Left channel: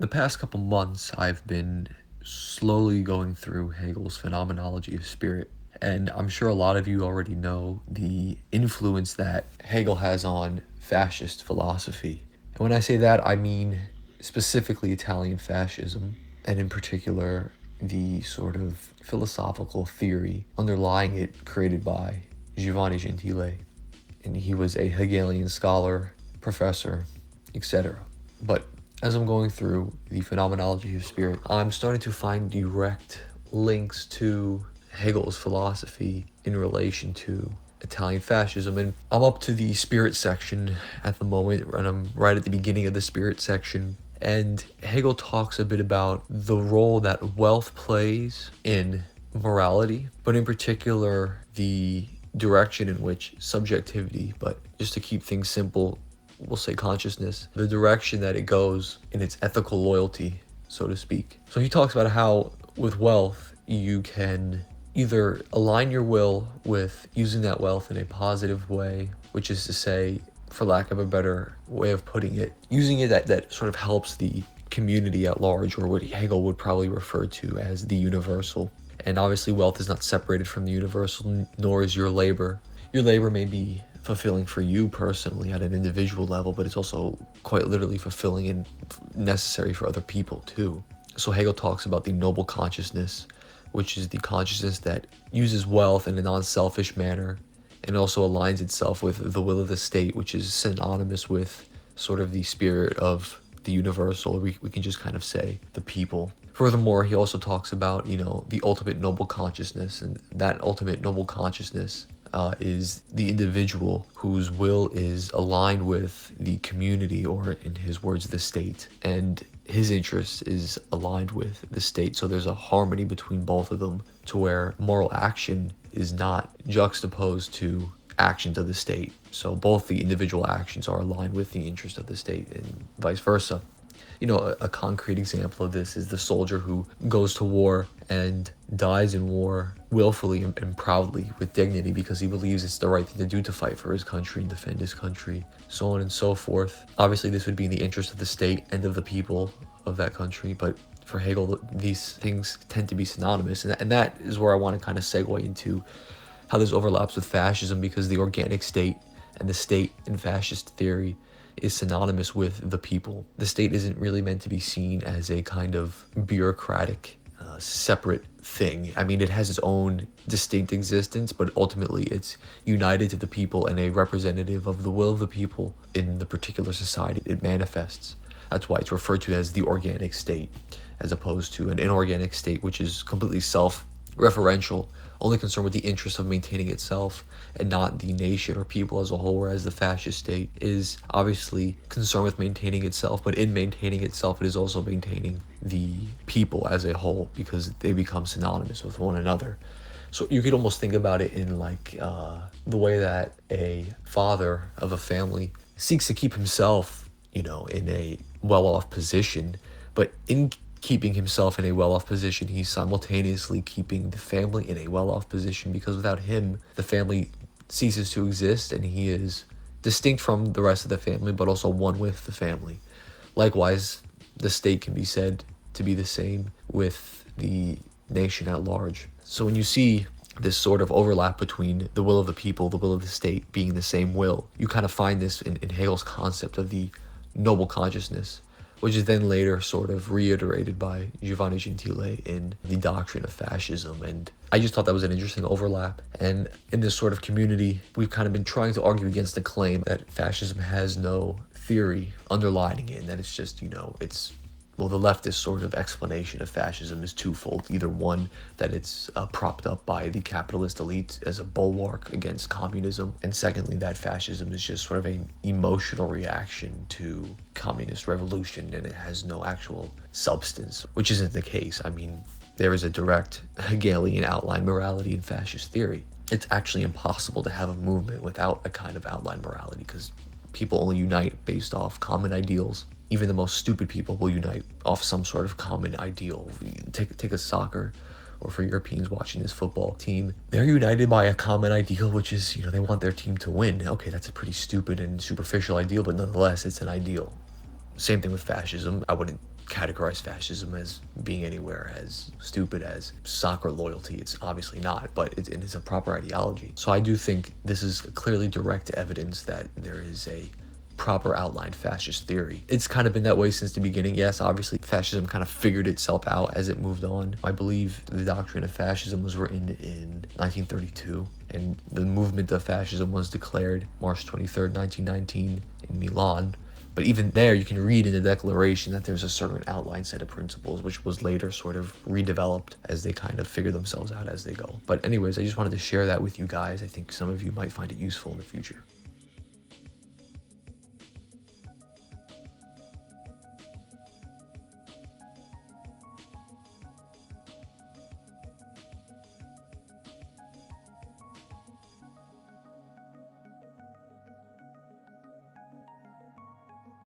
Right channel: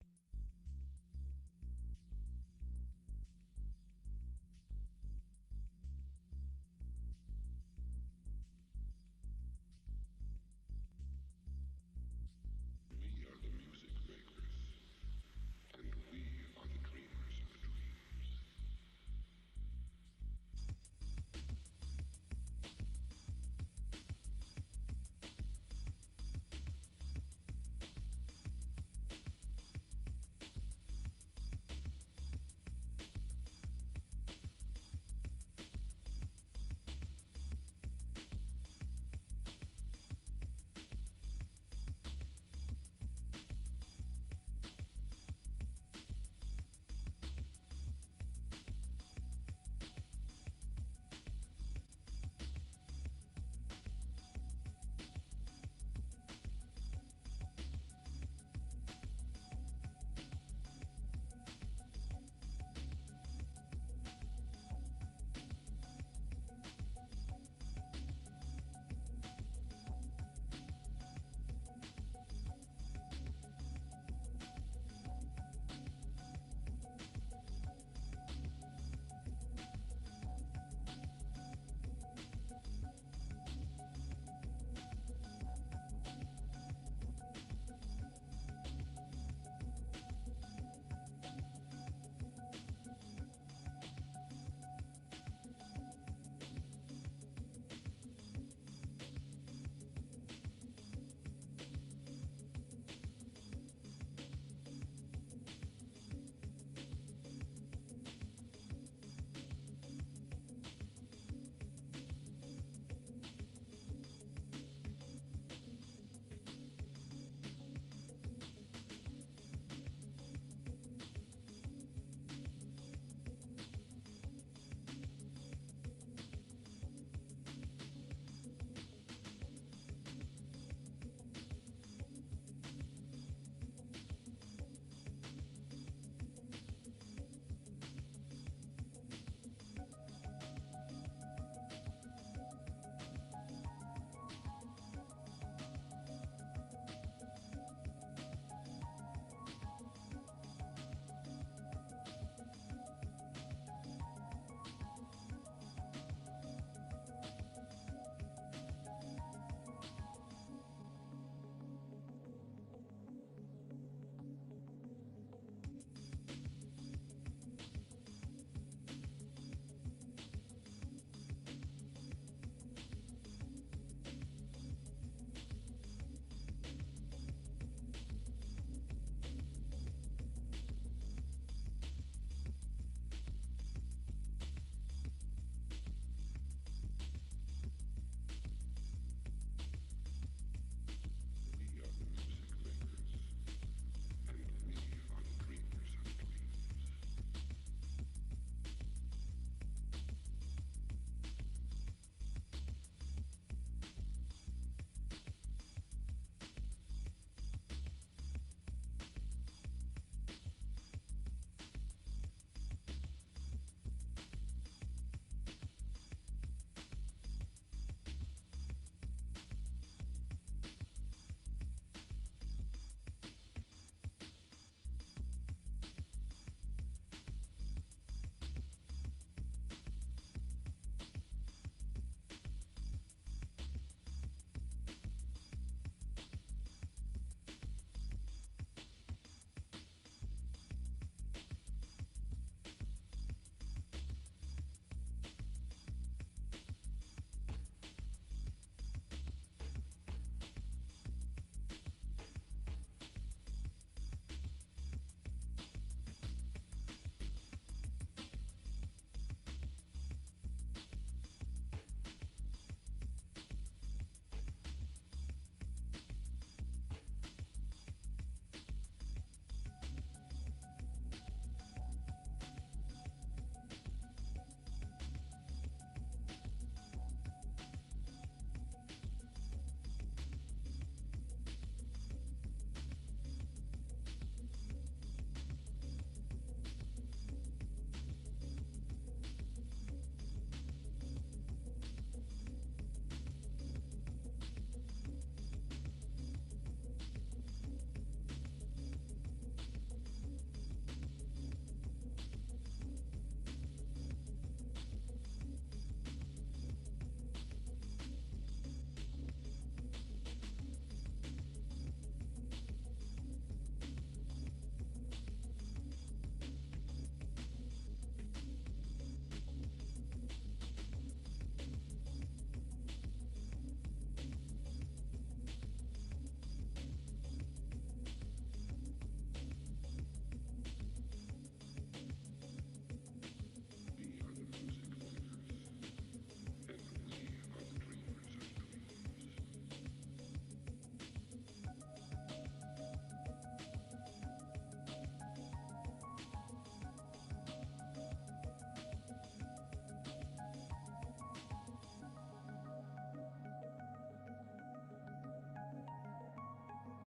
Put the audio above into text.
The past couple months, I've been slowly going through Hegel's Phenomenology of Spirit, and I'm sure a lot of you already know the influence that Hegel has on fascist philosophy. And when I say that, I mean specifically Italian fascism, and in particular, the sort of philosophical theory underlying it created by Giovanni Gentile. And he was a Hegelian scholar, professor, etc. But as I'm going through the phenomenology of spirit, I'm starting to find direct links to Hegel's philosophy in relation to Italian fascism. And I'm up to the spirit section at the moment, and I'm right at the beginning of the spirit section. And Hegel talks a bit about the role that wealth plays in morality, but in particular, the direction in which subjectivity, but just to keep things simple, we'll say consciousness, the direction that it goes in its ethical loyalty, so to speak. So he talks about how with wealth, you can either align your will with using that wealth in a positive way, which is to say, for lack of a better way of putting it, using it that sort of helps the community at large, or what Hegel would probably refer to as the universal. And obviously, wealth is not separated from the universal, nor is your labor. Your labor may be fulfilling for you personally at an individual level, but it's also quite literally fulfilling and necessary for other people too. So Hegel talks about the noble consciousness, which is the consciousness that uses wealth in a non-selfish manner and also aligns itself with the will of the state, which is synonymous with sort of the spirit of the universal. We can just kind of say the people. Furthermore, he also talks about, the ultimate noble consciousness, and that ultimate noble consciousness is the individual whose will is aligned with the community, or in his words, the state, and his interest is aligned with the state. So there's a harmony between both of them, to where moral action is not juxtaposed to actions of the state. So both the individual actions are aligned with the interest of the state, and vice versa. A concrete example of this is the soldier who goes to war and dies in war willfully and proudly with dignity because he believes it's the right thing to do to fight for his country and defend his country, so on and so forth. Obviously, this would be in the interest of the state and of the people of that country, but for Hegel, these things tend to be synonymous, and that is where I want to kind of segue into how this overlaps with fascism, because the organic state and the state in fascist theory is synonymous with the people. The state isn't really meant to be seen as a kind of bureaucratic, separate thing. I mean, it has its own distinct existence, but ultimately it's united to the people and a representative of the will of the people in the particular society it manifests. That's why it's referred to as the organic state, as opposed to an inorganic state, which is completely self-referential, only concerned with the interest of maintaining itself and not the nation or people as a whole, whereas the fascist state is obviously concerned with maintaining itself, but in maintaining itself, it is also maintaining the people as a whole, because they become synonymous with one another. So you could almost think about it in like the way that a father of a family seeks to keep himself, in a well-off position, but in keeping himself in a well-off position, he's simultaneously keeping the family in a well-off position, because without him, the family ceases to exist and he is distinct from the rest of the family, but also one with the family. Likewise, the state can be said to be the same with the nation at large. So when you see this sort of overlap between the will of the people, the will of the state being the same will, you kind of find this in Hegel's concept of the noble consciousness, which is then later sort of reiterated by Giovanni Gentile in the doctrine of fascism. And I just thought that was an interesting overlap. And in this sort of community, we've kind of been trying to argue against the claim that fascism has no theory underlining it, and that it's just, the leftist sort of explanation of fascism is twofold. Either one, that it's propped up by the capitalist elite as a bulwark against communism, and secondly, that fascism is just sort of an emotional reaction to communist revolution and it has no actual substance, which isn't the case. I mean, there is a direct Hegelian outline morality in fascist theory. It's actually impossible to have a movement without a kind of outline morality, because people only unite based off common ideals. Even the most stupid people will unite off some sort of common ideal. Take a soccer, or for Europeans watching this football team, they're united by a common ideal, which is, they want their team to win. Okay, that's a pretty stupid and superficial ideal, but nonetheless, it's an ideal. Same thing with fascism. I wouldn't categorize fascism as being anywhere as stupid as soccer loyalty. It's obviously not, but it is a proper ideology. So I do think this is clearly direct evidence that there is a proper outlined fascist theory. It's kind of been that way since the beginning. Yes, obviously fascism kind of figured itself out as it moved on. I believe the doctrine of fascism was written in 1932, and the movement of fascism was declared March 23rd, 1919 in Milan. But even there, you can read in the Declaration that there's a certain outline set of principles, which was later sort of redeveloped as they kind of figure themselves out as they go. But anyways, I just wanted to share that with you guys. I think some of you might find it useful in the future.